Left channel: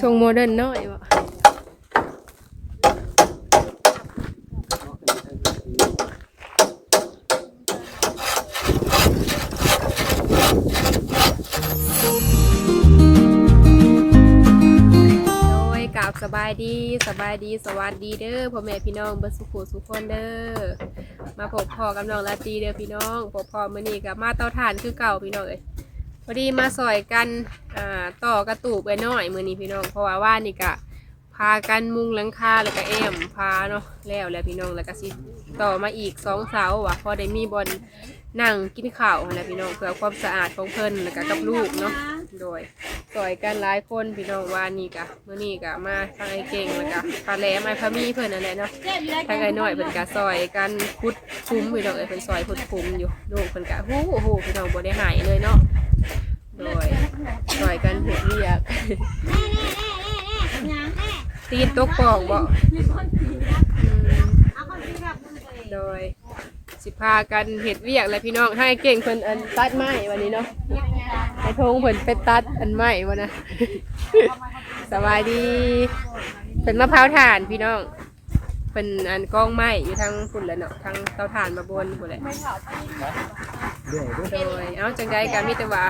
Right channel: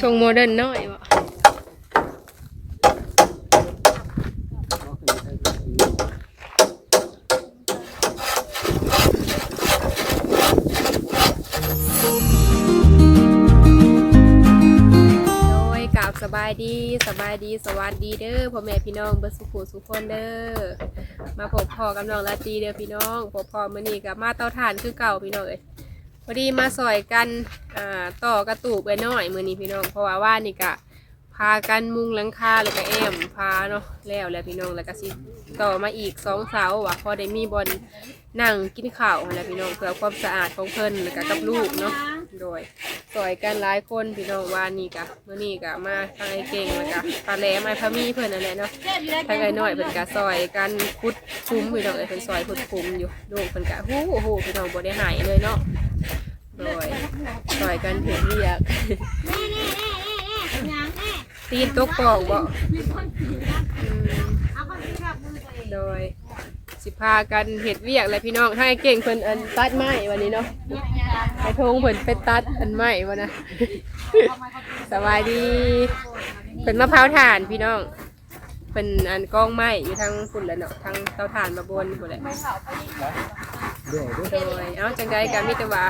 ทรงโมเดิร์นน้อยบ่โดยกราสบายดีสบายดีสวัสดีเด้อพ่อแม่พี่น้องเบิดสุขุสุขคนเด้อมาพบพอกับน้องลาตีเด้อพี่น้องพบพอมื้อนี้กับมาเตาถ่านคือเก่าพี่น้องเอ้ย พอดีมาซอยกันอ่าต่อกระตูไปหน่อยมือนี้พี่น้อง เพราะว่าว่านี่กะพากันมุงหลังคาแล้วก็แอมพาเนาะแล้วแล้วพี่น้องแล้วก็สิต่อมาอีกสองเสาว่ะพอได้มีบอลนั่งกินข้าวนั่นแหละพี่น้องเพื่อความสะอาดของเพิ่นแล้วก็กับลูกเนาะโดยสอยกันหลายคนพี่น้องวานี่กะเมื่อนี่กะมาทางไอ้เก่งแล้วกะปลาแหลมไอพะมีเพื่อนนั่นแหละเนาะทางไอ้น้อยเพิ่นกะซอยกันคุดคุ้มพี่น้องเอ้เพิ่นซอยคุดคุ้มอยู่ลูกเพิ่นกะฮู้ฮู้พี่น้องบ่ได้หายเลยเนาะ โดยซอยกันเห็นเรียกตีนตกปอกบ่อืมโดย สิพากันเห็ดเวียกเลยพี่น้องให้เก่งเพิ่นอันตัดไม้วันนี้เนาะไอ้ทงเพิ่นไปตัดอันใหม่วะนนะสบายดีเพิ่นมะพร้าวถ่านพี่น้องเพิ่นอันกล้องไม้อยู่ทางฝุ่นแล้วเนาะทางเตาถ่านมาบนพุ่นแหละ โดยเอาจังใดก็มีแต่ว่า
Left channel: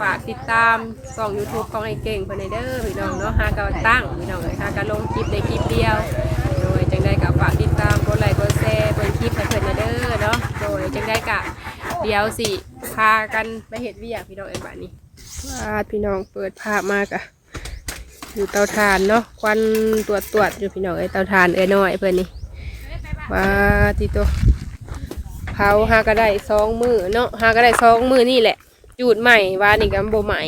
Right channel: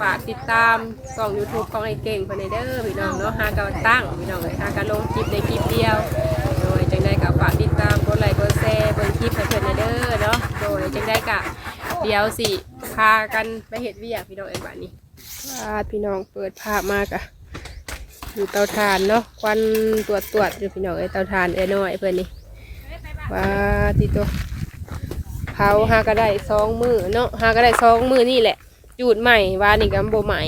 ฝากติดตามช่อง YouTube ของไอ้เก่งเพิ่นให้เด้อพี่น้องเนาะหาก็ตั้งพี่น้องเอ้ยหาก็ลงคลิปในคลิปเดียว โดยจังใดก็ฝากติดตามกดไลค์กดแชร์เบิ่งคลิปให้เพิ่นให้เด้อเนาะโดยจังใดก็เดี๋ยวสิพากันไปเฮ็ดเวียกพี่น้องเอ้ยบัดนี้พาพี่น้องเปิดภาพมากอะอยู่เตาถ่านเนาะควันตรวจตรวจอยู่พี่น้องไอ้เตาถ่านเอ้ยน้อยเพื่อนนี่ว่าที่ตัว เผาหาก็ได้สองมือเนาะหาก็ได้สองมือนี่แหละจูดใหม่ว่านี่กัโบใหม่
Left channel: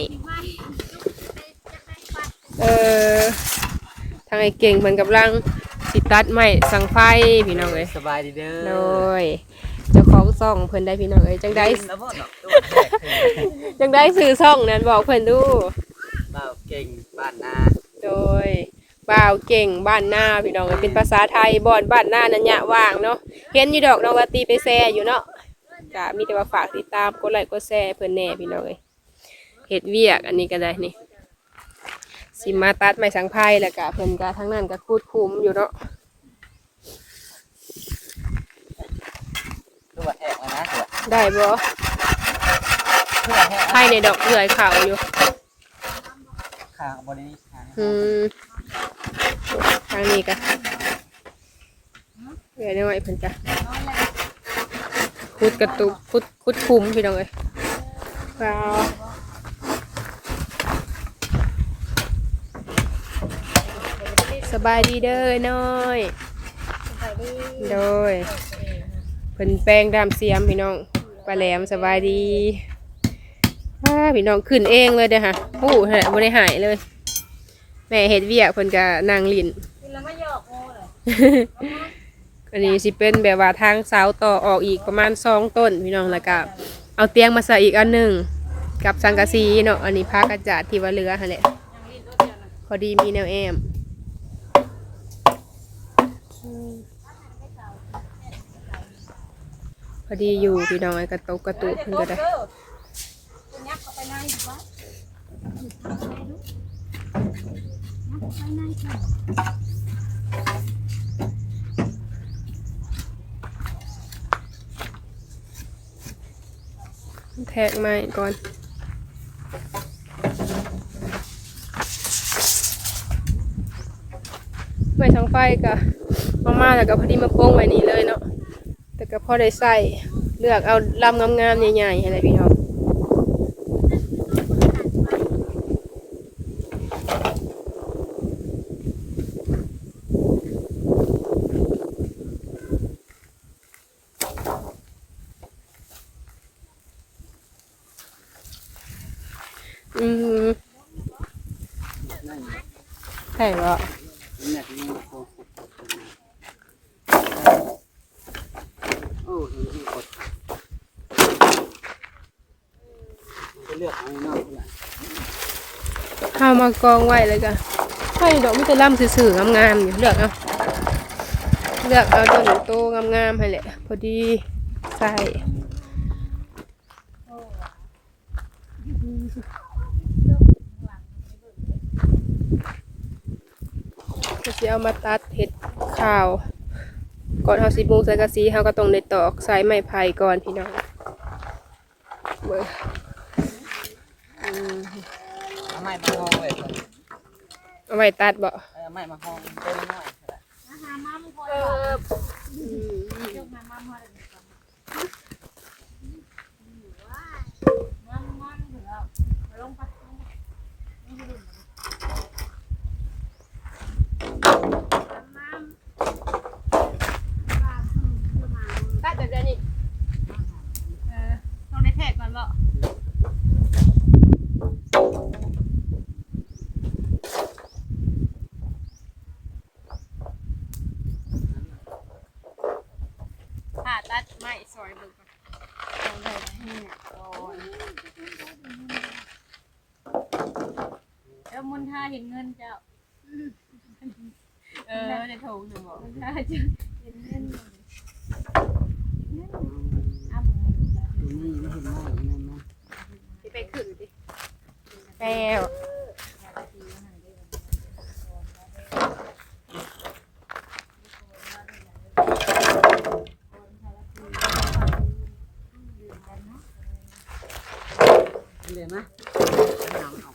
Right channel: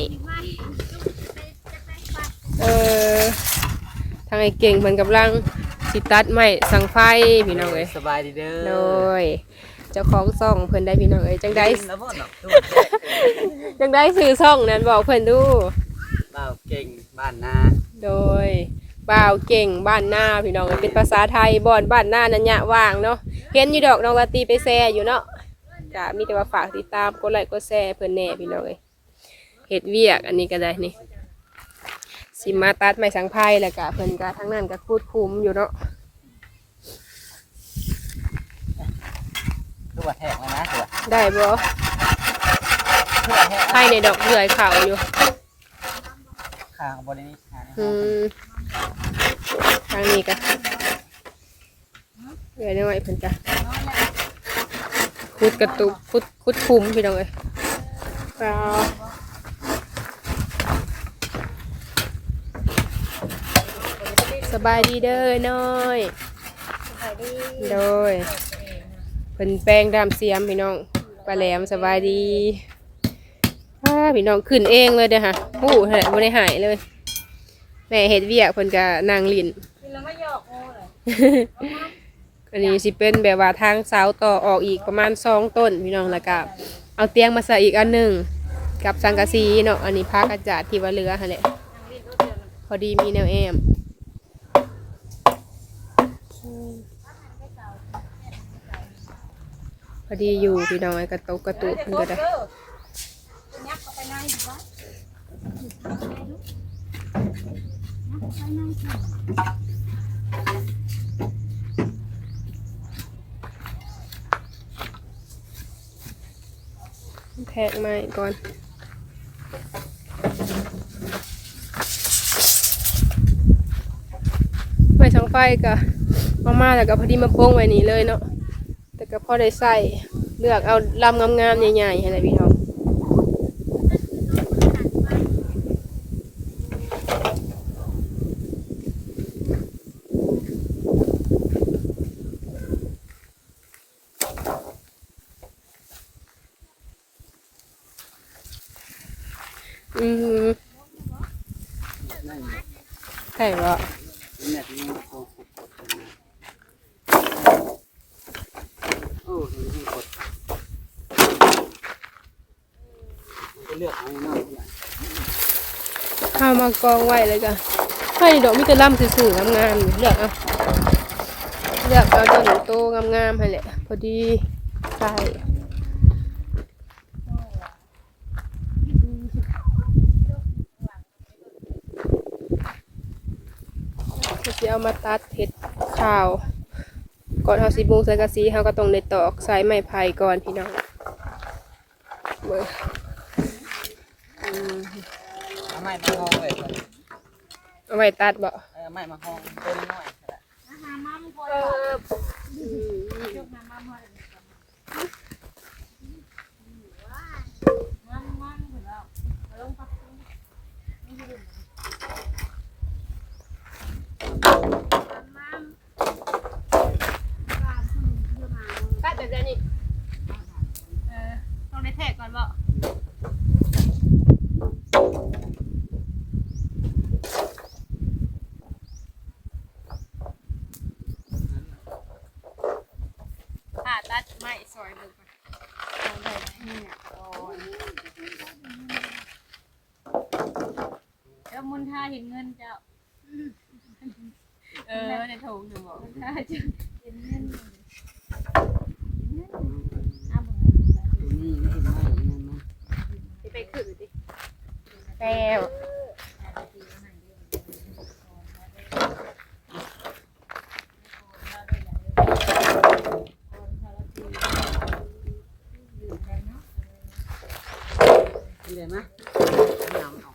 เออทางไอ้เก่งมันกำลังติดตัดใหม่สั่งไฟพี่น้องเอ้ยสบายดีเด้อโดยเจ้าของซ่องเพิ่นได้พี่น้องเอ้ยจังได้แล้วบ่เนาะตัวแรกจังได้ซื้อซ่องนั้นบอกเพิ่นดูบ่าวเก่งบ้านนาโดย บ่าวเก่งบ้านหน้าพี่น้องเป็นภาษาไทยบอนบ้านหน้านัญญะว่างเนาะเห็นอยู่ดอกน้องลาตรีไปแซ่อยู่เนาะก็มีแต่ว่าฝากติดตามกดไลค์กดแชร์เพื่อนแหน่พี่น้องเอ้ยเฮ็ดเวียกอันนี้ก็ได้นี่สิมาตัดไม้สังไพ่แล้วก็เพิ่นก็ทั้งนั้นก็คูดคุมอยู่เนาะตัวแทกแล้วนะตัวได้บ่ตัวแทกไพ่ในดอกเดือยขาวอยู่ข้างบริเวณข้าง อืมทางนี้ก็เดือยน้อยเพิ่นก็คุดกระตุกคุดคุดคุมพี่น้องเอ้ยว้าวสบายดีเด้อน้อยโดยเพิ่นแปลงดามเสียมพี่น้องปลาแหลมสบายดีว้าพี่น้องขึ้นเองเลยเด้อค่ะโอ้โหบ่ได้หายเลยแม่เฮ็ดเวียกเพิ่นก็นั่งลิ้นอันนี้สิเป็นแบบว่าทางเสาต่อออกอีกประมาณสองต้นพี่น้องแล้วก็เอาเตียงมาใส่อีกอันหนึ่งกับสังกะสีเนาะอันนี้ผ้ากระจาดที่ว่าเหลือหั่นแหละพอดีมีแนวแอมพอดีอยู่พี่น้องไอ้กระตุกกระตุกเพิ่นก็ได้ แทกไม้ก่อนไม้ช่างไฟก็มาม่าแล้วก็พอดีมาโป้งไว้นี่เลยเนาะแต่ก็พอได้ใส่เลือกเอาลำงามๆใหญ่ๆอะไรพี่น้องอืม นั่น ใช่ก็ แม่ที่โคตร โอ้ยกดมันจะเลือกเอาเนาเนี่ยข้าวมากองไว้เลยก็ไข่ดอกมิตรล่ำสื่อๆงามๆอยู่เลือกเอาเลือกเอาตัวหนึ่งโตงามๆให้แหละ พอดีใส่สิเอามาตัดเห็ดข้าว ก่อนเฮาสิบุงใส่กระสีเฮาก็ต้องได้ตอกสายไม้ไผ่ก่อนพี่น้องเบิ่งอืมเอาไม้มาห้องเลยเอาไว้ตัดบ่เอาไม้มาห้องต้นน้อยตัดแบบนี้เออ ต้องได้แทกก่อนบ่ถ้าตัดไม้ซอยเบิ่งก่อนเอาได้ไหมเนี่ยก่อนแล้วมุนท่าเห็นเงินเจ้า เออในถุงหนึ่งบอกมุนท่าจะเห็นเงินอ้าวเบิ่งเงิ นมาตัวนี้ไม่เห็นไม้แบบนั้นนะที่ไปขึ้นดิแก้วเรียนไหมน้ำมันออกก่อนน้ำ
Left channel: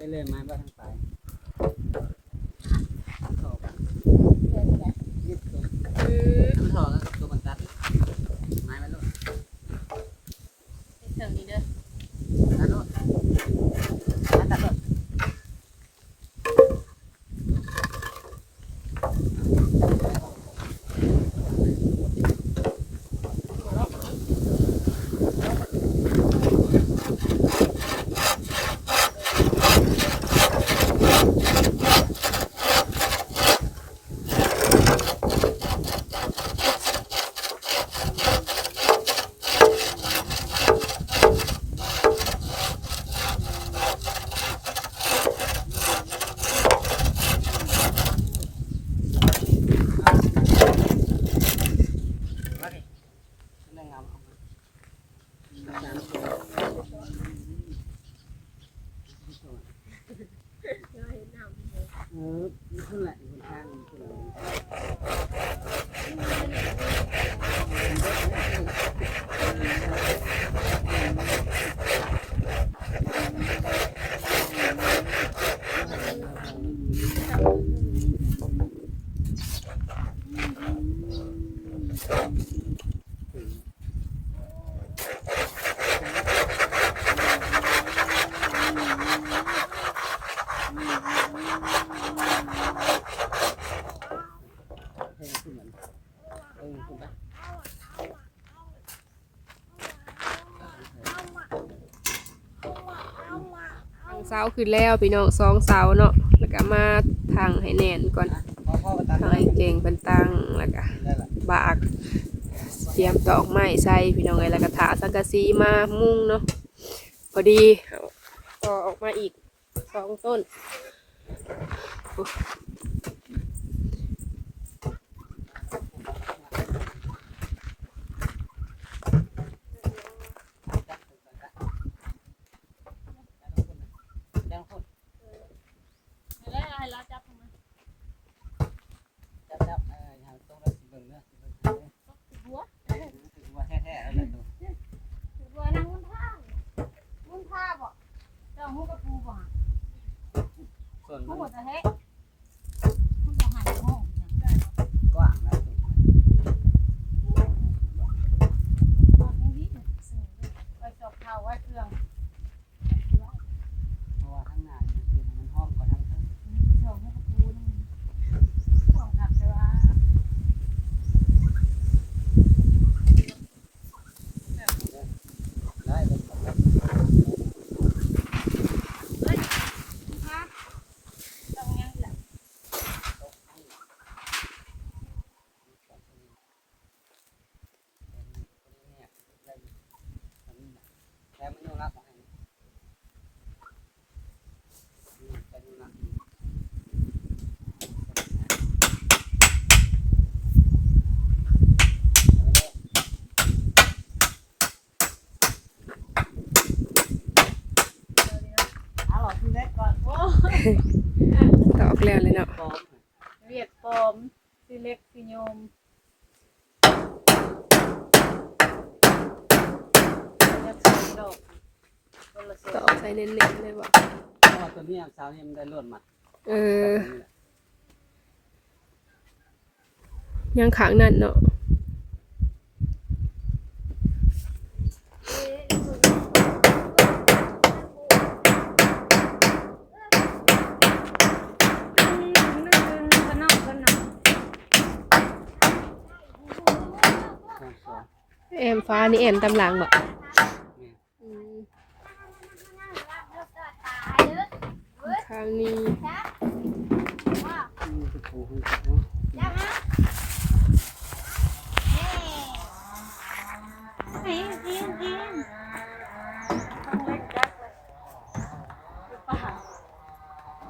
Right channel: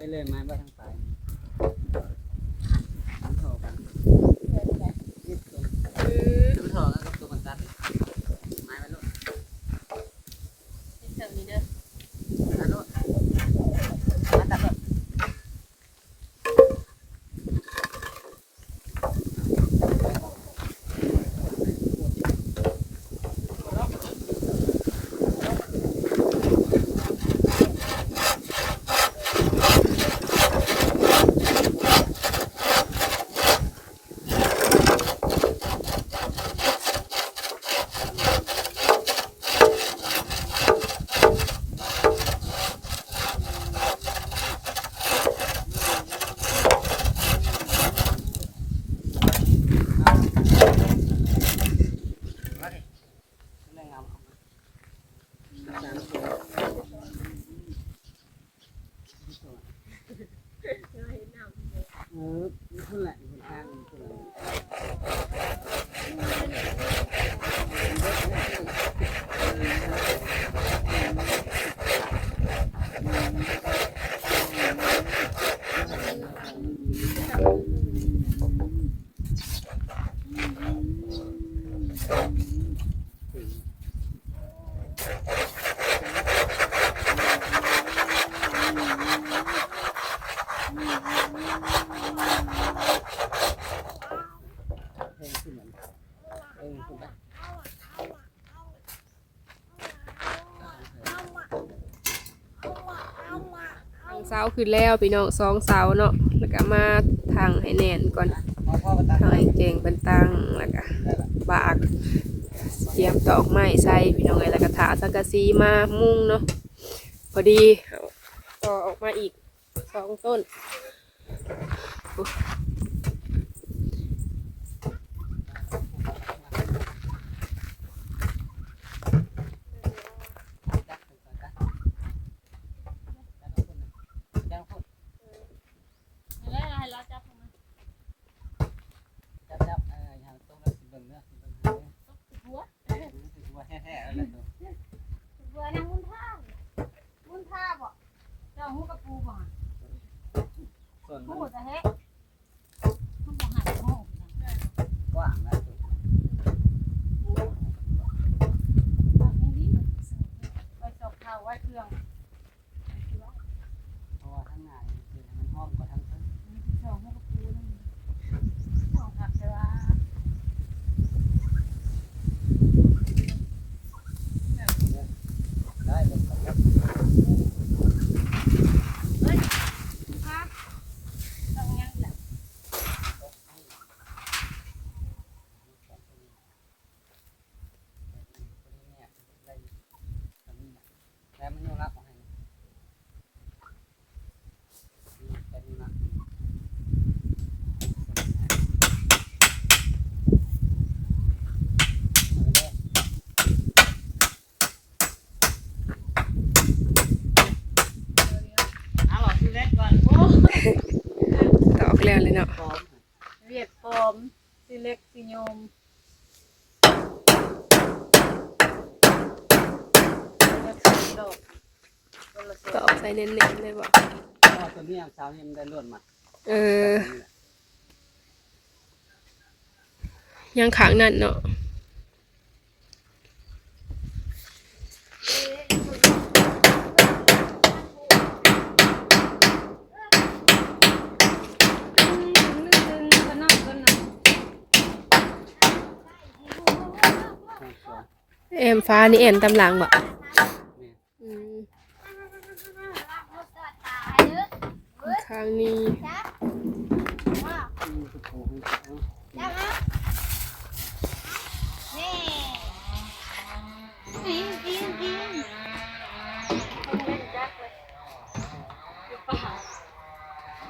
ไปเลยไม้บ้าทั้งไปน้ำถอกันนิดตัวน้ำถอกันกับตัวมันตัดไม้มันลด เสริมนี้เด้อ ตัดลดตัดลด มาดิมันได้งามเอามาสามตัวเออนี่คุณแหละคุณทางคุณเราเพลงคุณเหมือนเออคุณไป ทางเสาขึ้นแล้วพี่น้องสองเสาเนาะแล้วก็มาทางให้แน่นก่อนพอพ่อก็ตัดทางไอ้เก่งเป็นตังแล้วก็บากเตรียมตอกไม้ใส่พี่น้องไอ้แล้วก็ถาสังกะสีมามุ่งเนาะพอดีต่อออกมาอีกสองต้น survival. ตอกแล้วเลยเนาะเวียดปอมสิเล็กสิโยมดอกตอกใส่เน้นๆเลยบ่เพราะว่าตัวนี้เช้านี้มันได้ล้วนมาเออ ยังขางนั่นเนาะ พนอกก็หนัก พร้อมสองแอมฟ้านี่แอมตำหลังบ่เนี่ยอืมข้างนี้อืมคือผูกให้เขา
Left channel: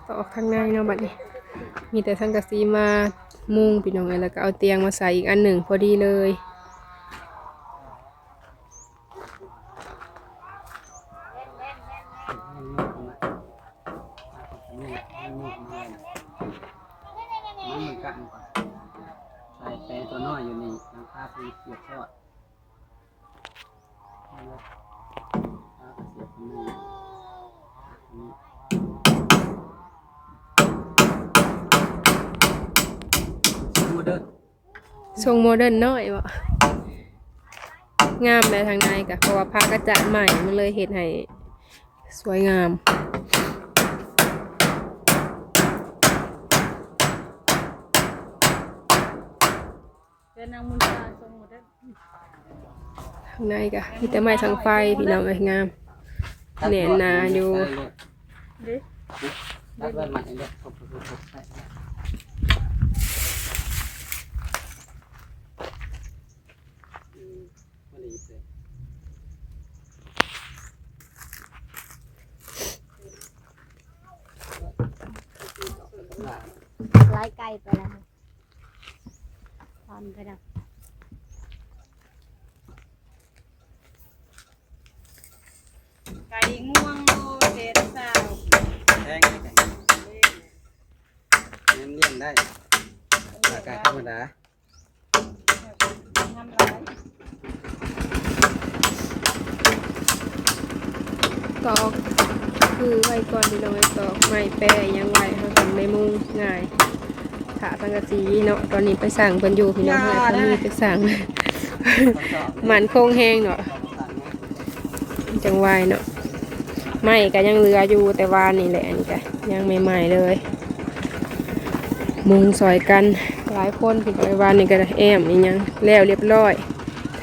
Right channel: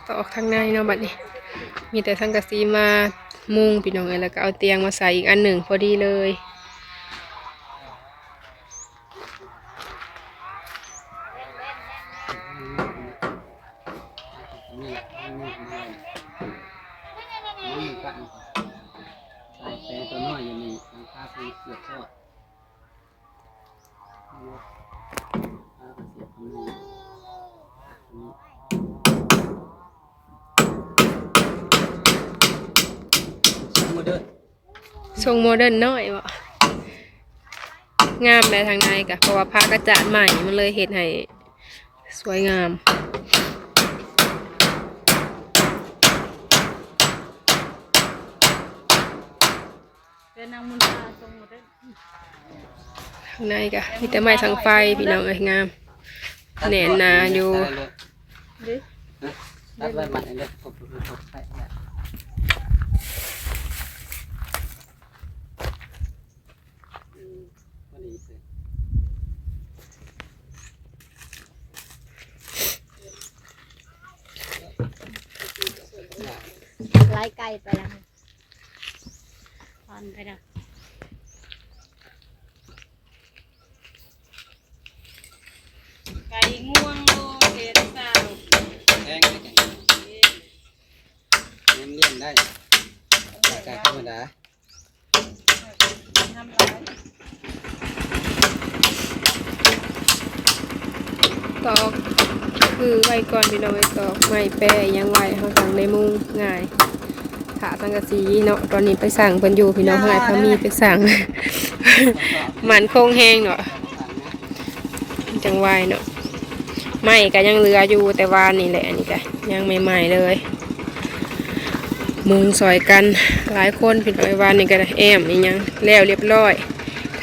ตอกข้างในเนาะบัดนี้ มีแต่สังกะสีมามุงพี่น้องเอ้ยแล้วก็เอาเตียงมาใส่อีกอันหนึ่งพอดีเลย นี่นี่นี่นี่มันกันก่อนใส่แปรตัวน้อยอยู่นี่หลังคาปูเสียบทอดนี่แล้วก็เสียบตรงนี้ตรงนี้สมมติเด้อทรงโมเดิร์นน้อยบ่งามเลยทางในกะเพราะว่าผ้ากระจาดใหม่มันเลยเห็ดให้ สวยงามเดินนางมุนตาทรงหมดเลยทางในกะมีแต่ไม้ทางไฟพี่น้องเอ้ยงามแหน่นาอยู่ ดิ ตัดไว้หมัดเลยปุ๊บปุ๊บปุ๊บใช่ใช่อืมพอดีเลย ไล่ไก่ไปแล้วพอนไปแล้วไก่ง่วงโลเห็ดสาวแทงได้จังเลี้ยงเลี้ยงได้ราคาธรรมดาทำร้ายตอกคือไว้ก่อนพี่น้องไว้ตอกไม้แปรยังไว้เขาสั่งในมุงง่าย ขาสังกะสีเนาะตอนนี้ไปสั่งเพิ่นอยู่พี่น้องให้เขามีไปสั่งมันโคงแห้งเนาะจังไวเนาะไม่ก็ยังเหลืออยู่แต่ว่านี่แหละอันนี้ก็ยังใหม่ๆเลย มุงซอยกันหลายคนพี่น้องไอ้วานนี่ก็ได้แอมนี่ยังแล้วเรียบร้อย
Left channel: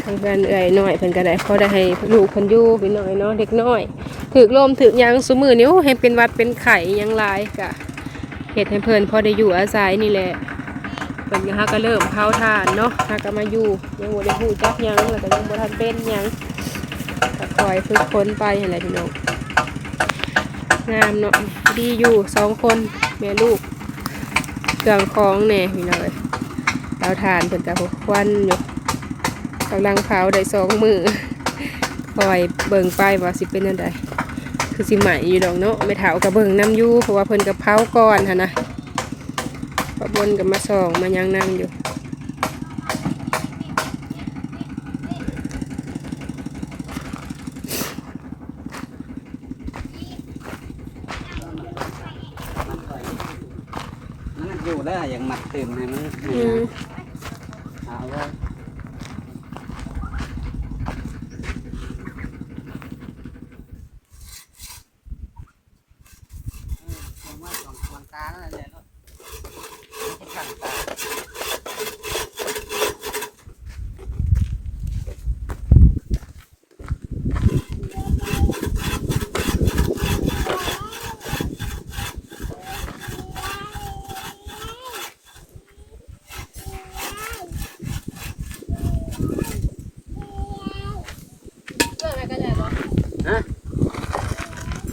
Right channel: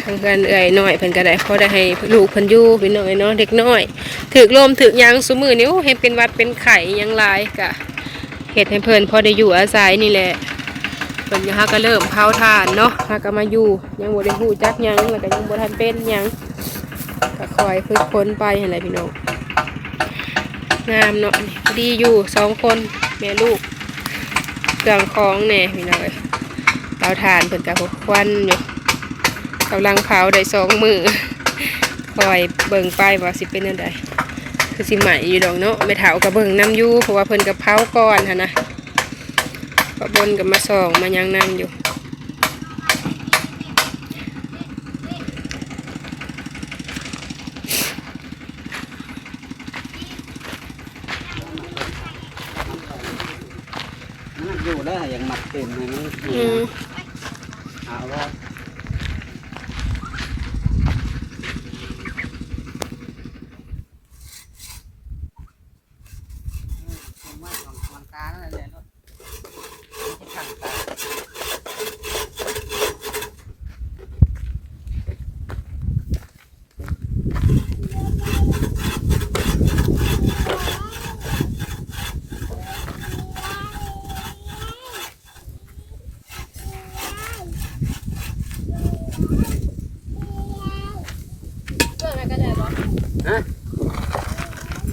ทางกันเอ่ยน้อยเพิ่นก็ได้พอได้ให้ลูกเพิ่นอยู่พี่น้องไอ้เนาะเด็กน้อยถึกลมถึกหยังซุมือนิ้วเห็นเป็นหวัดเป็นไข่หยังหลายกะ เฮ็ดให้เพิ่นพอได้อยู่อาศัยนี่แหละเพิ่นก็ฮาก็เริ่มเผาถ่านเนาะฮาก็มาอยู่ยังบ่ได้ฮู้จักหยังแล้วก็ยังบ่ทันเป็นหยังก็คอยฝึกฝนไปหั่นแหละพี่น้องงามเนาะดีอยู่สองคนแม่ลูกเครื่องของแน่พี่น้องเอ้ยเตาถ่านเพิ่นกับควันอยู่กำลังเผาได้สองมือคอยเบิ่งไปว่าสิเป็นยังไง คือสิใหม่อยู่ดอกเนาะไม่เถากระเบิงน้ำยู่เพราะว่าเพิ่นกระเพราก่อนฮะนนะปะบนกับมาส่องมายังนั่งอยู่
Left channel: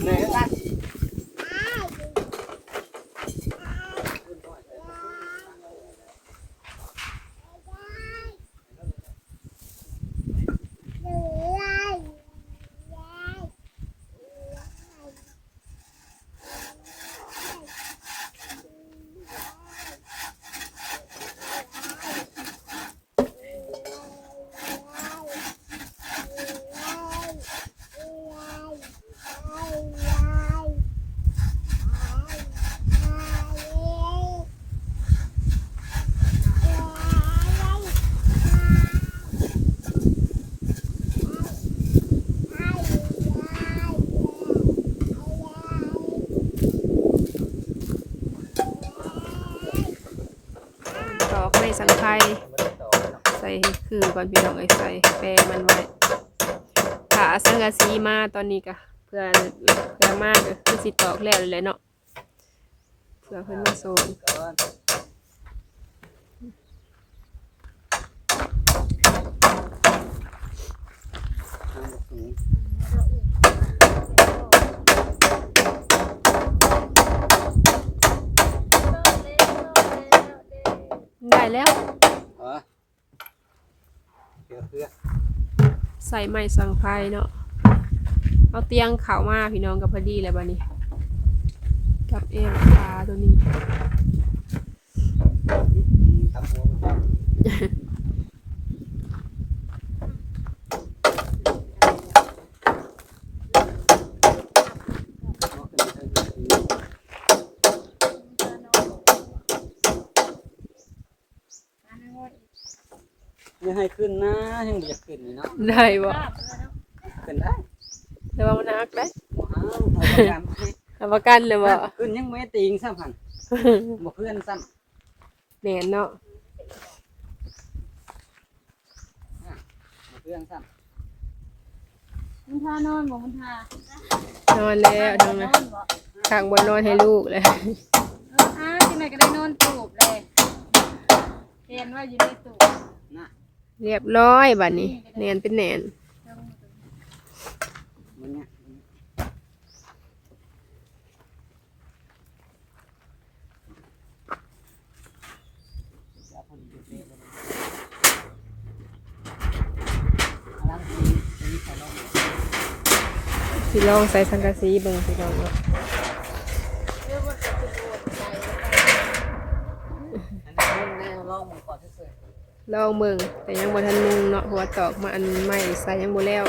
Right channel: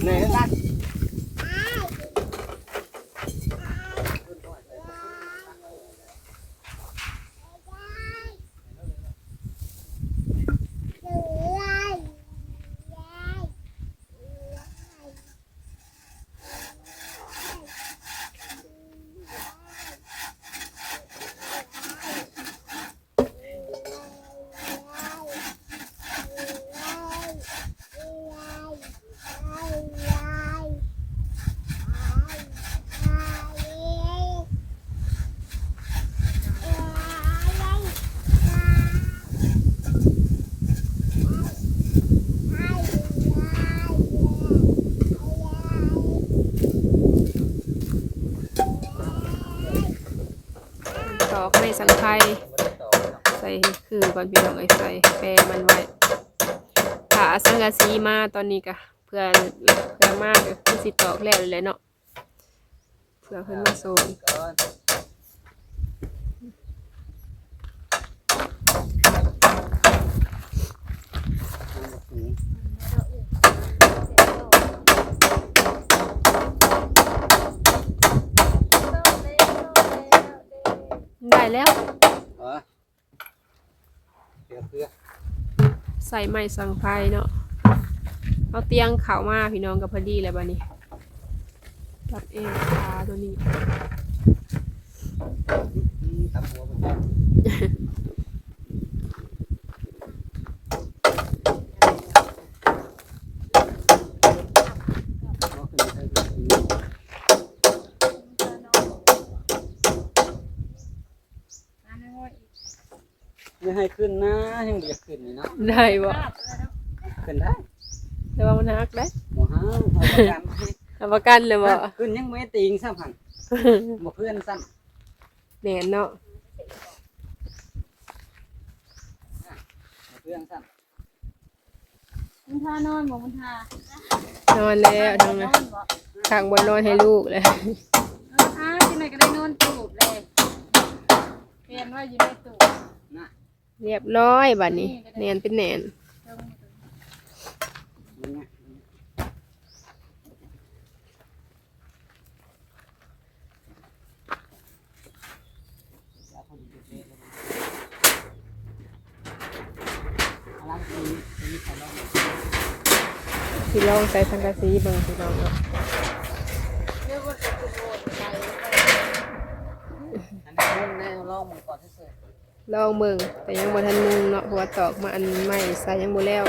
เลยได้ สังไข่ใส่คือก่อนพี่น้องไอ้ใส่แปรมันไว้ถ้าสังกะสีมาตอนนี้ก็เพื่อเพื่อมากก็คือสิตอกแล้วเลยเนาะเพื่อเพิ่นมาส่งก่อนทางบ่สูง ได้ แล้วเออเดี๋ยวเพื่อใส่ไม้สังไพรเนาะเอาเตียงเข่ามาพี่น้องกับพอดีเลยบัดนี้กับเอวขาตัวนี้อืมตำหัวมันจะเอาขึ้นไปให้ดูสิ ไม่ให้ขึ้นนะยังไม่อยากขึ้นเลยเนาะได้บ่ขึ้นได้แต่ว่ามันหักได้บ่ห้าวเอาประกันให้รับประกันเลยบ่ขึ้นยังไม่ติงซ้ำหันบ่เพื่อนซ้แม่นเนาะำบ่เพื่อนซ้มุนทานอนบ่มุนทานอนแล้วทั้งนั้นนอนบ่ทางบนนอนให้ลูกเลยเอออ้ายจังไดก็ได้นอนตูบเลยเรียนว่าอยู่ในตูบำนะ เรียบร้อยบัดนี้แนนเป็นแนนเจ้ามือตูบมันเนี่ยจะเอาพอดีเป๊ะๆเลยเอาล่ะทีนี้ทีนี้ใส่ลงมาพี่ลองใส่สังกะสีเบิ่งพี่น้องเนาะเรียกว่าจะเป็นโบสถ์ไปอันนี้ลงแน่ลองมือก่อนที่สุด ลองเบิ่งแต่ยังบ่ทันมุงเนาะเพราะว่าตอกมาอันใหม่ใส่ยังบ่แล้ว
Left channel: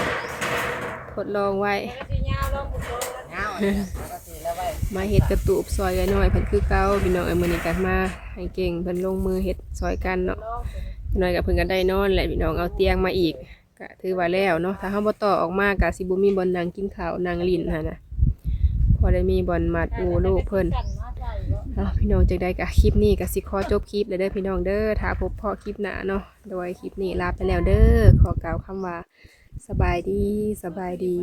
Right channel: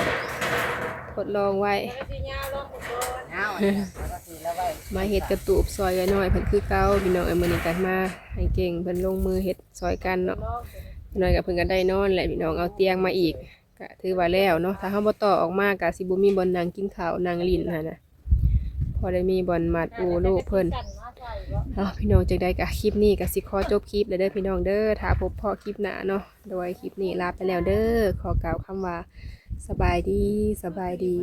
ทดลองไว้แล้วก็สิยาวลงบุกโดนเงาแล้วก็สีแล้วไว้มาเฮ็ดกระตูบซอยกันหน่อยเพิ่นคือเก่าพี่น้องเอ้ยมื้อนี้ก็มาให้เก่งเพิ่นลงมือเฮ็ดซอยกันเนาะลองพี่น้อยกับเพิ่นก็ได้นอนแหละพี่น้องเอาเตียงมาอีกก็ถือว่าแล้วเนาะถ้าเฮาบ่ต่อออกมาก็สิบ่มีบ่อนนั่งกินข้าวนั่งลิ้นหั่นน่ะพอได้มีบ่อนมัดอูลูกเพิ่นกันมาใส่บ่ เอาพี่น้องจังได้กับคลิปนี้กับสิขอจบคลิปเลยเด้อพี่น้องเด้อถ้าพบพอคลิปหน้าเนาะโดยคลิปนี้ลาไปแล้วเด้อขอกล่าวคำว่าสบายดีสบายดี